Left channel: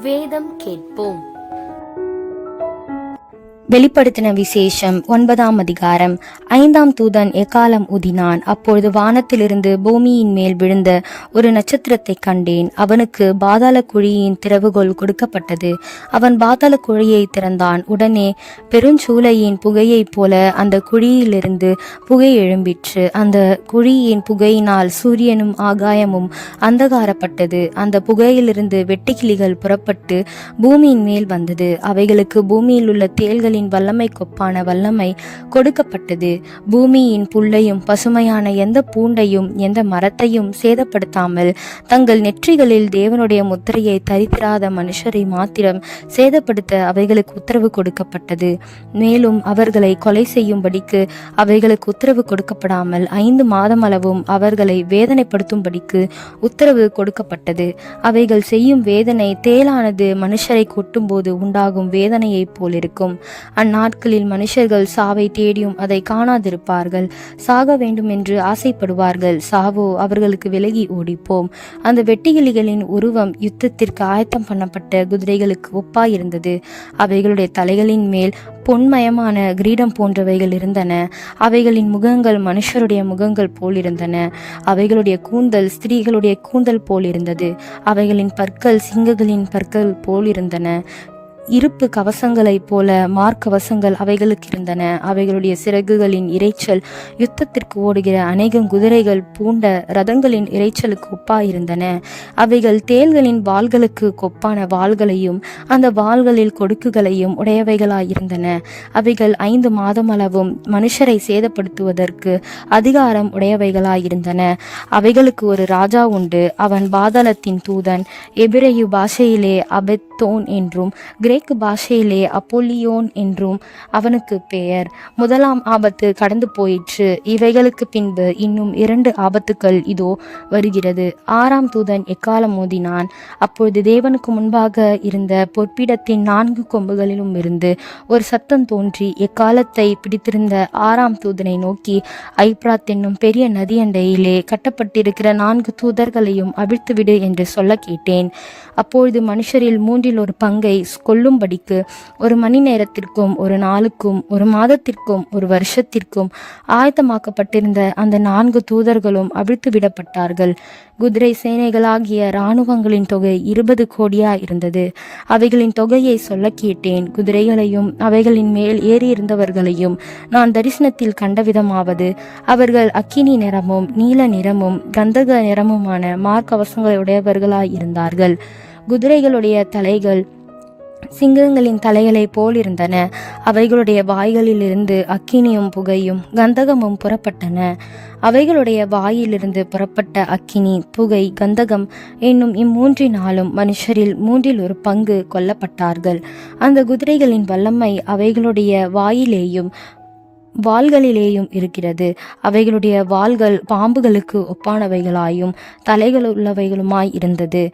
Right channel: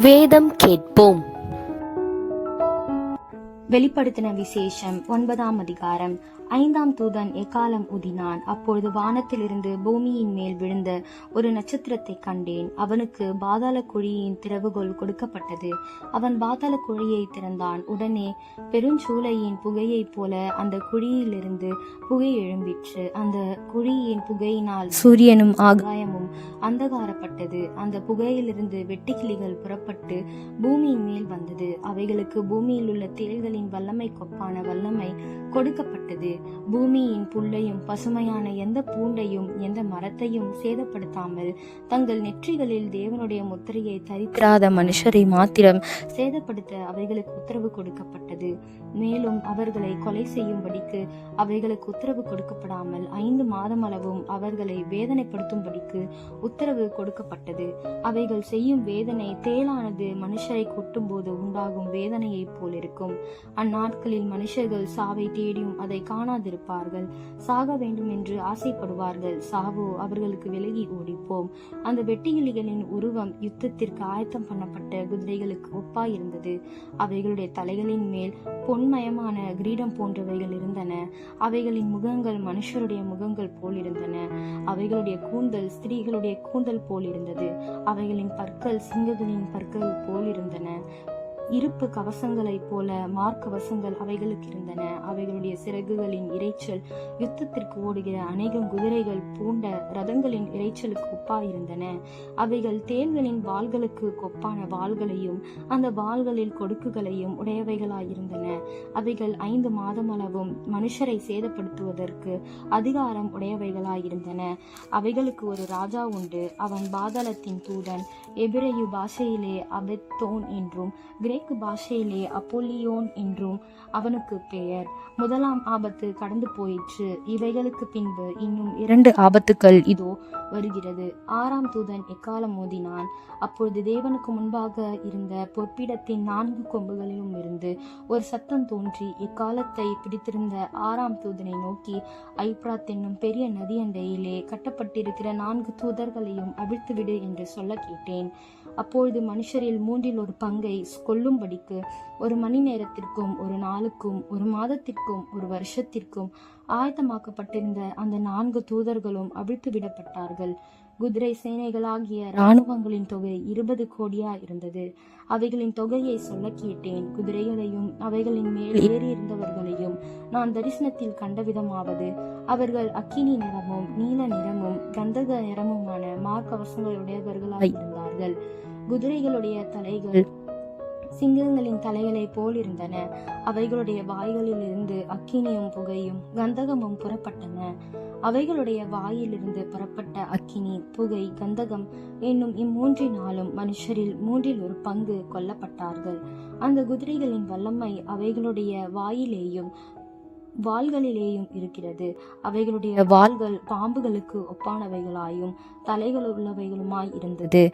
வேதம் கேட்போம். வெளிப்படுத்தின விசேஷம் ஒன்பதாம் அதிகாரம். ஐந்தாம் தூதன் எக்காலம் ஊதினான் அப்பொழுது வானத்திலிருந்து பூமியின் மேல் விழுந்த ஒரு நட்சத்திரத்தை கண்டேன். அவனுக்கு பாதாள குழியின் திறவுகோல் கொடுக்கப்பட்டது. அவன் பாதாள குழியை திறந்தான். உடனே பெருஞ்சூளையின் புகையைப் போல அந்த குழியிலிருந்து புகை எழும்பிற்று. அந்த குழியின் புகையினால் சூரியனும் ஆகாயமும் அந்தகாரப்பட்டது. அந்த புகையிலிருந்து வெட்டுக்கிளிகள் புறப்பட்டு பூமியின் மேல் வந்தது. அவைகளுக்கு பூமியில் உள்ள தேள்களின் வல்லமை கொப்பான வல்லமை கொடுக்கப்பட்டது. பூமியின் புல்லையும் பசுமையான எந்த பூண்டையும் எந்த மரத்தையும் சேதப்படுத்தாமல் தங்கள் நெற்றிகளில் தேவனுடைய முத்திரையை தரித்திராத மனுஷரை மாத்திரம் சேதப்படுத்த அவைகளுக்கு உத்தரவு கொடுக்கப்பட்டது. மேலும் அவர்களை கொலை செய்யும்படிக்கு அவைகளுக்கு உத்தரவு கொடுக்கப்படாமல் ஐந்து மாதம் அளவும் அவர்களை வேதனைப்படுத்தும்படிக்கு உத்தரவு கொடுக்கப்பட்டது. அவைகள் செய்யும் வேதனை தேலானது மனுஷரை கொட்டும்போது உண்டாகும் வேதனையைப் போலிருக்கும். அந்நாட்களில் மனுஷர்கள் சாவை தேடியும் அதை காணாதிருப்பார்கள். சாக வேண்டும் என்று ஆசைப்படுவார்கள். சாவோ அவர்களுக்கு விலகி ஓடிப்போம். அந்த வெட்டிகிளிகளின் உருவம் யுத்தத்திற்கு ஆயத்தம் பண்ணப்பட்ட குதிரைகளுக்கு ஒப்பாயிருந்தது. அவைகளுடைய தலைகளின் மேல் பொன்மயமான கிரீடம் போன்றவைகள் இருந்தன. அவைகளின் முகங்கள் மனுஷருடைய முகங்கள் போலிருந்தன அவைகளுடைய கூந்தல் ஸ்திரீகளுடைய கூந்தல் போல் இருந்தது. அவைகளின் பற்கள் சிங்கங்களின் பற்கள் போலிருந்தன இருப்பு கவசங்களைப் போல மார்க்கவசங்கள் அவைகளுக்கு இருந்தன. அவைகளுடைய சிறகுகளின் இரைச்சல் யுத்தத்திற்கு ஓடுகிற அநேகம் குதிரைகள் பூண்ட ரதங்களின் இரைச்சலுக்கு ஒப்பாயிருந்தன. அவைகள் தேள்களின் வாள்களுக்கு கொப்பான வாள்களையும் அந்த வாள்களில் கொடுக்குகளையும் உடையவைகளாயிருந்தன. அவைகள் ஐந்து மாதமளவும் மனுஷரை சேதப்படுத்துவதற்கு அதிகாரம் உடையவைகளாயிருந்தன. அவைகளுக்கு ஒரு ராஜா உண்டு. அவன் பாதாளத்தின் தூதன். எபிரேயு பாஷையிலே அபெத்தோன் என்றும் கிரே கிரேக்கு பாஷையிலே அப்போலியோன் என்றும் அவனுக்கு பெயர். முதலாம் ஆபத்து கடந்து போயிற்று. இவைகளுக்கு பின்பு இன்னும் இரண்டு ஆபத்துக்கள் இதோ வருகிறது. ஆறாம் தூதன் எக்காலம் மோதினான்? அப்பொழுது தேவனுக்கு முன்பாக இருந்த பொற்பிடத்தின் நான்கு கொம்புகளிலும் இருந்து ஒரு சத்தம் தோன்றி எக்காலத்தை பிடித்திருந்த ஆறாம் தூதனை நோக்கி ஐப்ராத் என்னும் பெரிய நதியண்டையிலே கட்டப்பட்டிருக்கிற நான்கு தூதர்களையும் அவிழ்த்துவிடு என்று சொல்ல கேட்டேன். அப்பொழுது மனுஷரில் மூன்றில் ஒரு பங்கை கொல்லும்படிக்கு ஒரு மணி நேரத்திற்கும் ஒரு நாளுக்கும் ஒரு மாதத்திற்கும் ஒரு வருஷத்திற்கும் ஆயத்தமாக்கப்பட்டிருந்த அந்த நான்கு தூதர்களும் அவிழ்த்து விடப்பட்டார்கள். குதிரை சேனைகளாகிய இராணுவங்களின் தொகை இருபது கோடியா இருந்தது அவைகளின் தொகையை சொல்ல கேட்டேன். குதிரைகளையும் அவைகளின் மேல் ஏறியிருந்தவர்களையும் நான் தரிசனத்தில் கண்டவிதமாவது அவர்கள் அக்கினி நிறமும் நீல நிறமும் கந்தக நிறமுமான மார்க்கவசங்களுடையவர்களாயிருந்தார்கள் குதிரைகளுடைய தலைகள் சிங்கங்களின் தலைகளைப் போல் இருந்தன. அவைகளுடைய வாய்களிலிருந்து அக்கினியும் புகையும் கந்தகமும் புறப்பட்டன. அவைகளுடைய வாயிலிருந்து புறப்பட்ட அக்கினி புகை கந்தகம் என்னும் இம்மூன்றினாலும் மனுஷரில் மூன்றில் ஒரு பங்கு கொல்லப்பட்டார்கள். அந்த குதிரைகளின் வல்லமை அவைகளுடைய வாயிலேயும் வாள்களிலேயும் இருக்கிறது. அவைகளுடைய வாள்கள் பாம்புகளுக்கு ஒப்பானவைகளாயும் தலைகள் உள்ளவைகளுமாய் இருந்தது.